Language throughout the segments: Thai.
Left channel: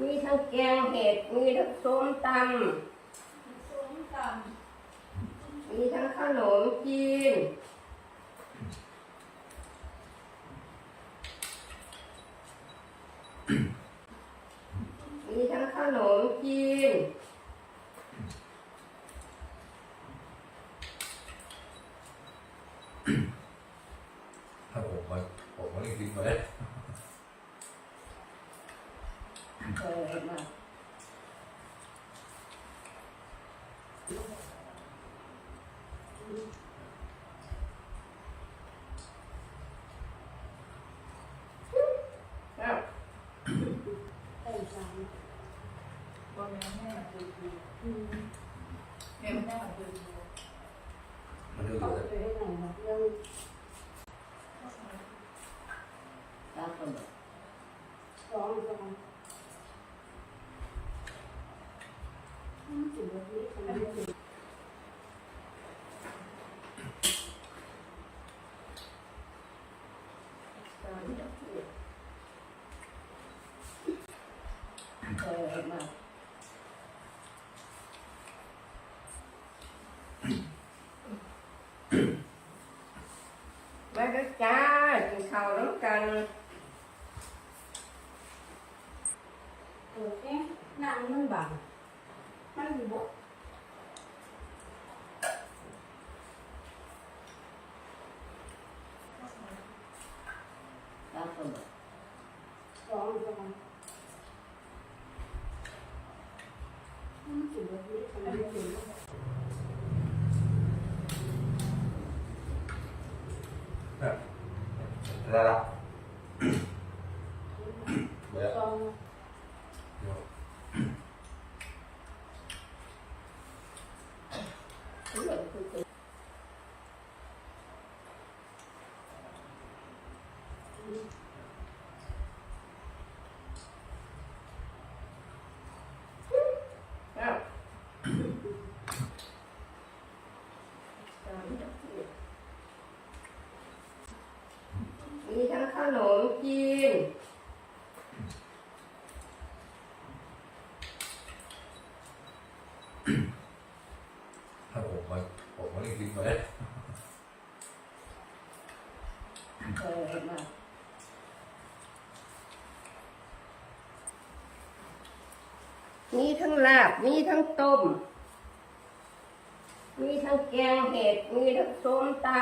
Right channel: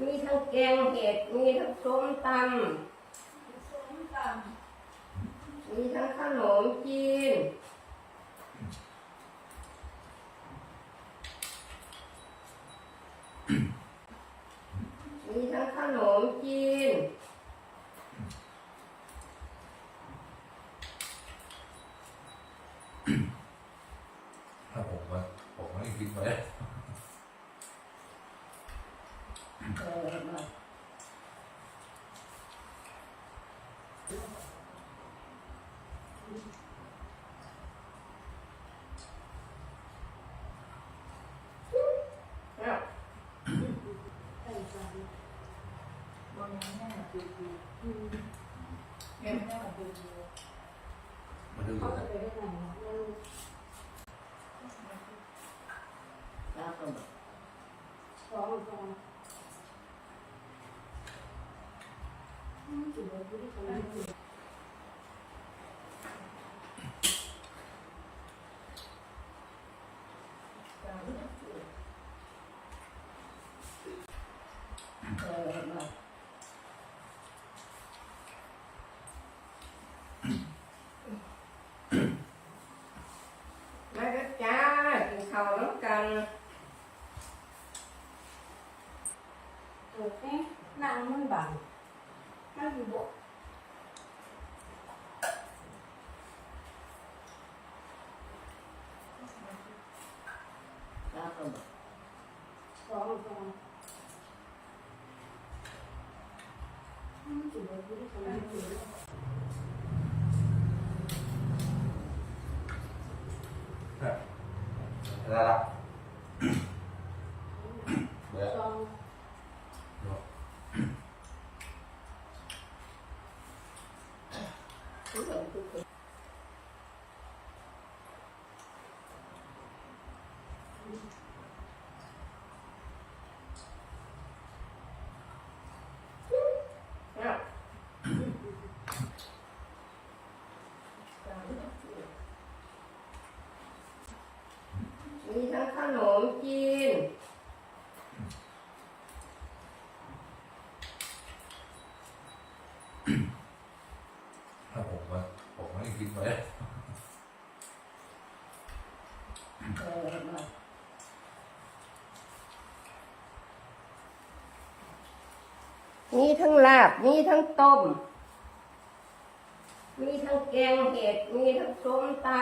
มีทั้งแกงเห็ด มีทั้งส้มตส้มตำมีทั้งขนมจีน มีทั้งขนมจีนถ้าผมมาผมมาเรียกบิ๊กมาเลย เออมา เอาำแต่ฟันบนนี้แม่ดู ดีแม่ไม่ได้ดูดีมันดูอเขายู่จะแล้วไปได้ไงนะแล้ว เอาเข้ามา สองสองจุดนี้ก็ไม่ได้ เออมามาเด้อจ้ากินข้าวน้ำกันเออเอ๊ะน้ำมันบังมันอยู่บ่เอาเข้ามาสองสองจุดนี้ก็ไม่ได้แล้ว ละเบื่อ สอง เหมือนคือคือเอามีทั้งขนมจีน ถ้า ผมมาผมมาเรียกบิ๊กมาเลยเออมามีทั้งลาบ มีทั้งต้ม มีทั้งแกงเห็ด มีทั้งส้มตำ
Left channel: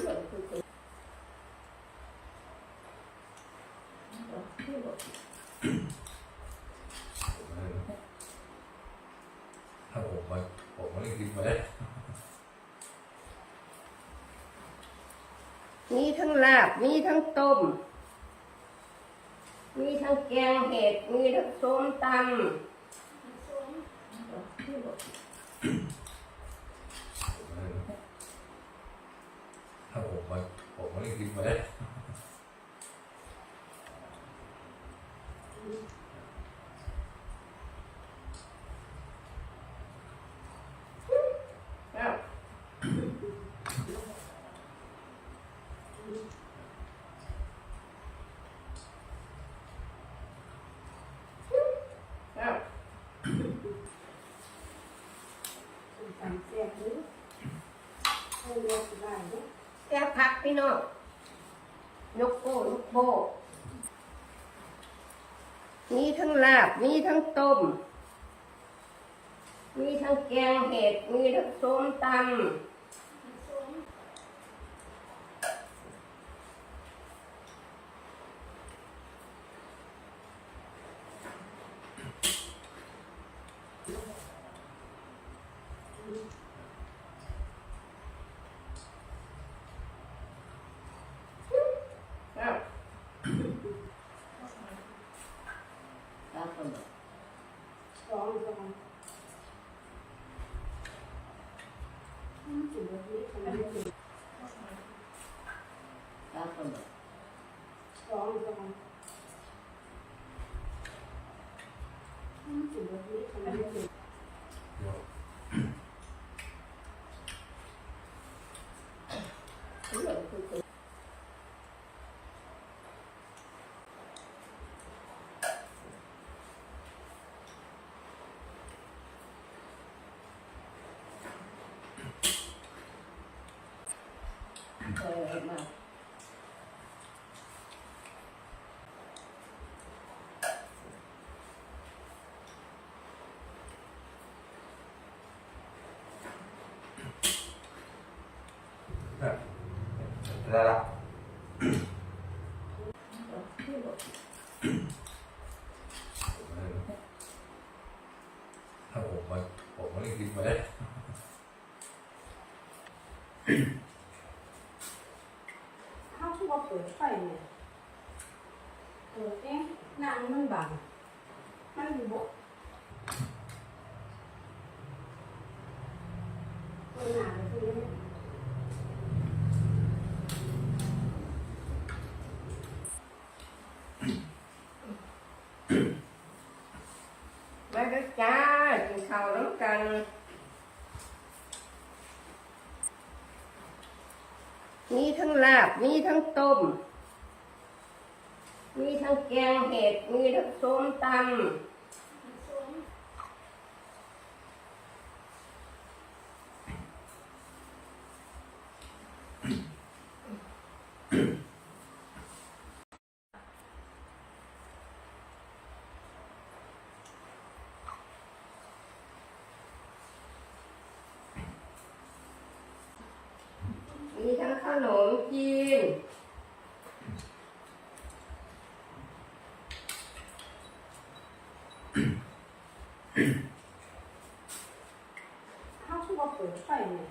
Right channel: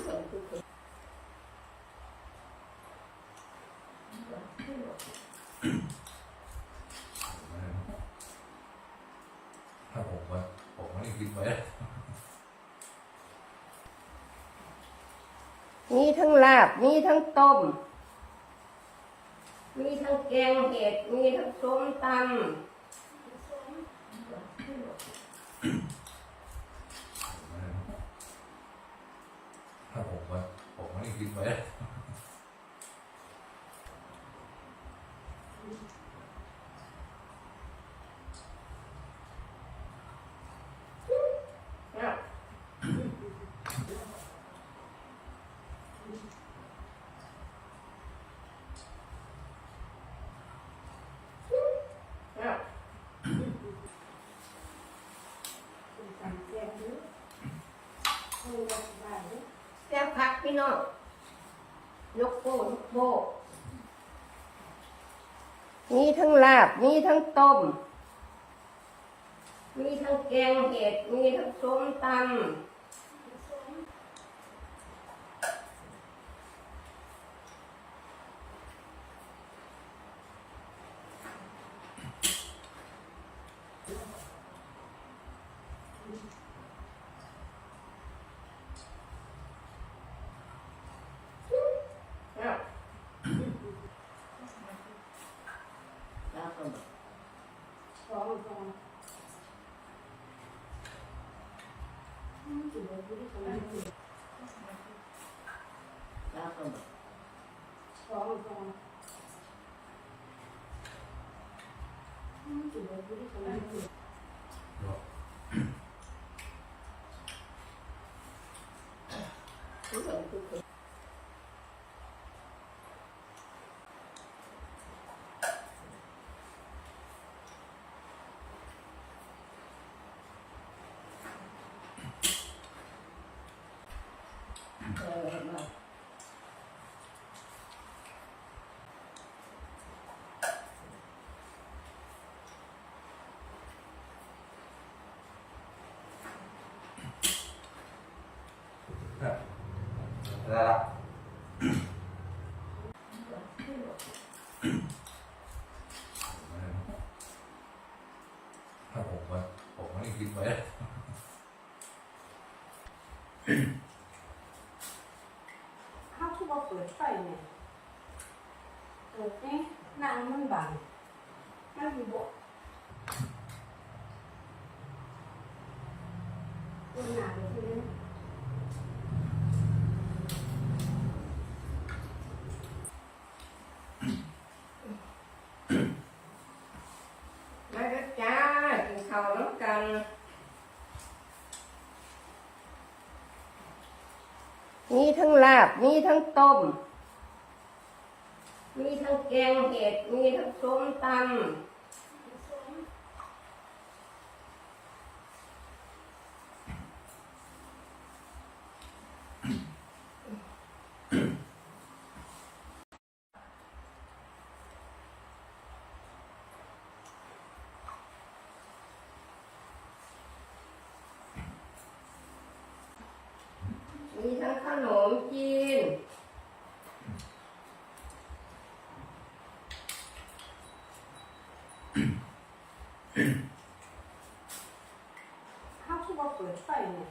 เหมือนคือคือ ถ้าผมมาผมมาเรียกบิ๊กมาเลยมีทั้งลาบ มีทั้งต้ม มีทั้งแกงเห็ด มีทั้งส้มตำถ้าผมมาผมมาเรียกบิ๊กมาเลย เอาเอา การแจกด้วยให้เลือกได้เนี่ย แซ่พักพี่น้องยกโป้ยกโป้มีทั้งลาบ มีทั้งต้ม มีทั้งแกงเห็ด มีทั้งส้มตำ number. That number. Thank you. เออมาได้ละถ้าผมมันผมไม่ได้คิดไว้ข้าวที่ว่าเปิดไฟเนี่ยเปิดเอ๊ะนางมันบางมันอยู่บ่ปิดหนาไปทีนี้ มาเด้อจ้ากินข้าวน้ำกัน มีทั้งลาบ มีทั้งต้ม มีทั้งแกงเห็ด มีทั้งส้มตำ มีทั้งข นมจีนข้าวที่ว่าเปิดไฟเนี่ย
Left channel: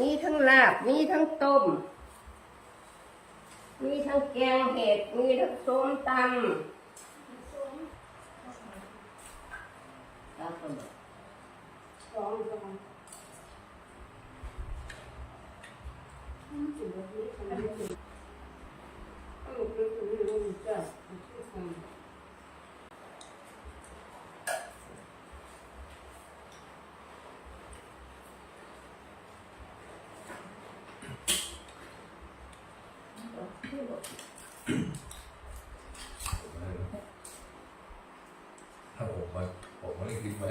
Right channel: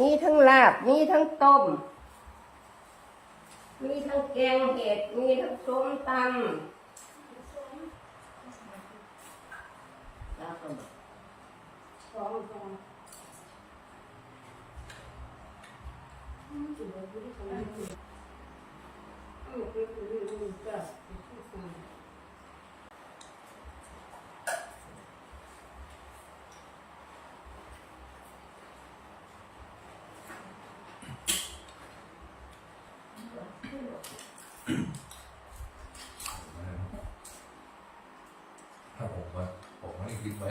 มีทั้งลาบ มีทั้งต้ม มีทั้งแกงเห็ด มีทั้งส้มตำ แล้วก็แบบสองสองอืมจุดนี้ก็ไม่ได้เอาไปคุยเรื่องนี้จ้ะอืม ถ้าผมมันผมไม่ได้คิดไว้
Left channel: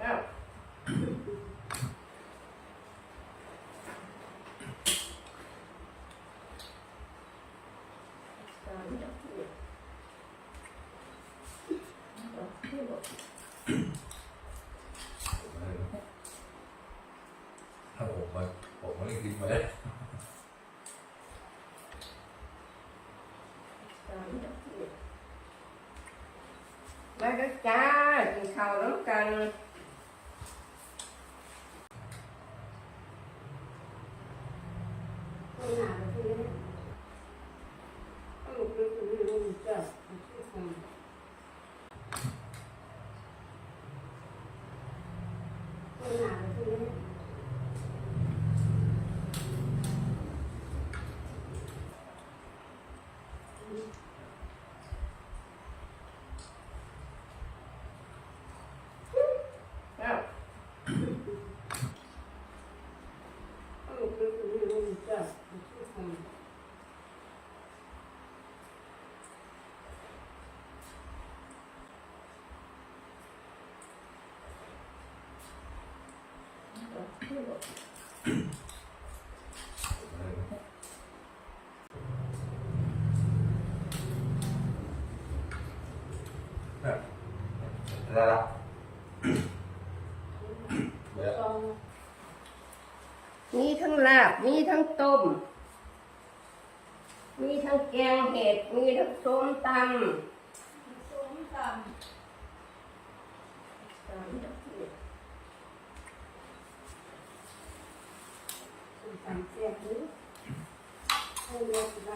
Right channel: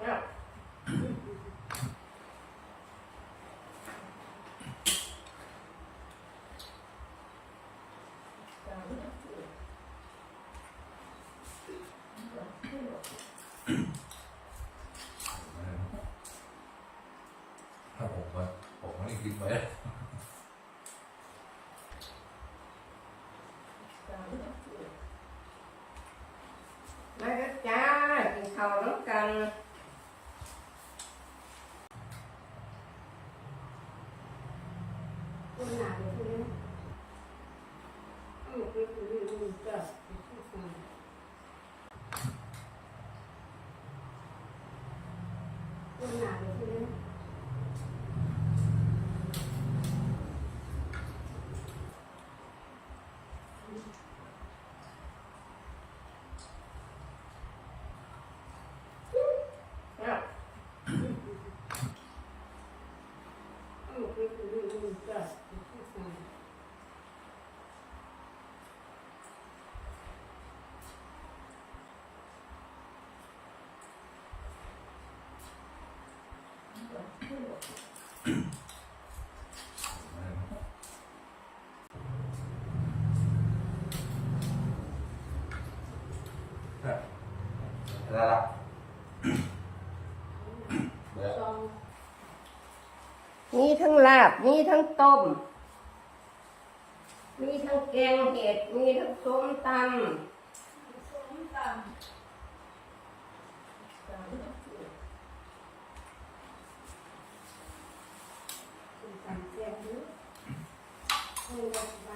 ครับ ถ้าผมมันผมไม่ได้คิดไว้มาเด้อจ้ากินข้าวน้ำกัน ปัญหาแบบนี้เอาไปคุยเรื่องนี้จ้ะอืมปัญหาแบบนี้ ครับ เอาไปคุยเรื่องนี้จ้ะอืม ได้ละมีทั้งลาบ มีทั้งต้ม มีทั้งแกงเห็ด มีทั้งส้มตำ ส้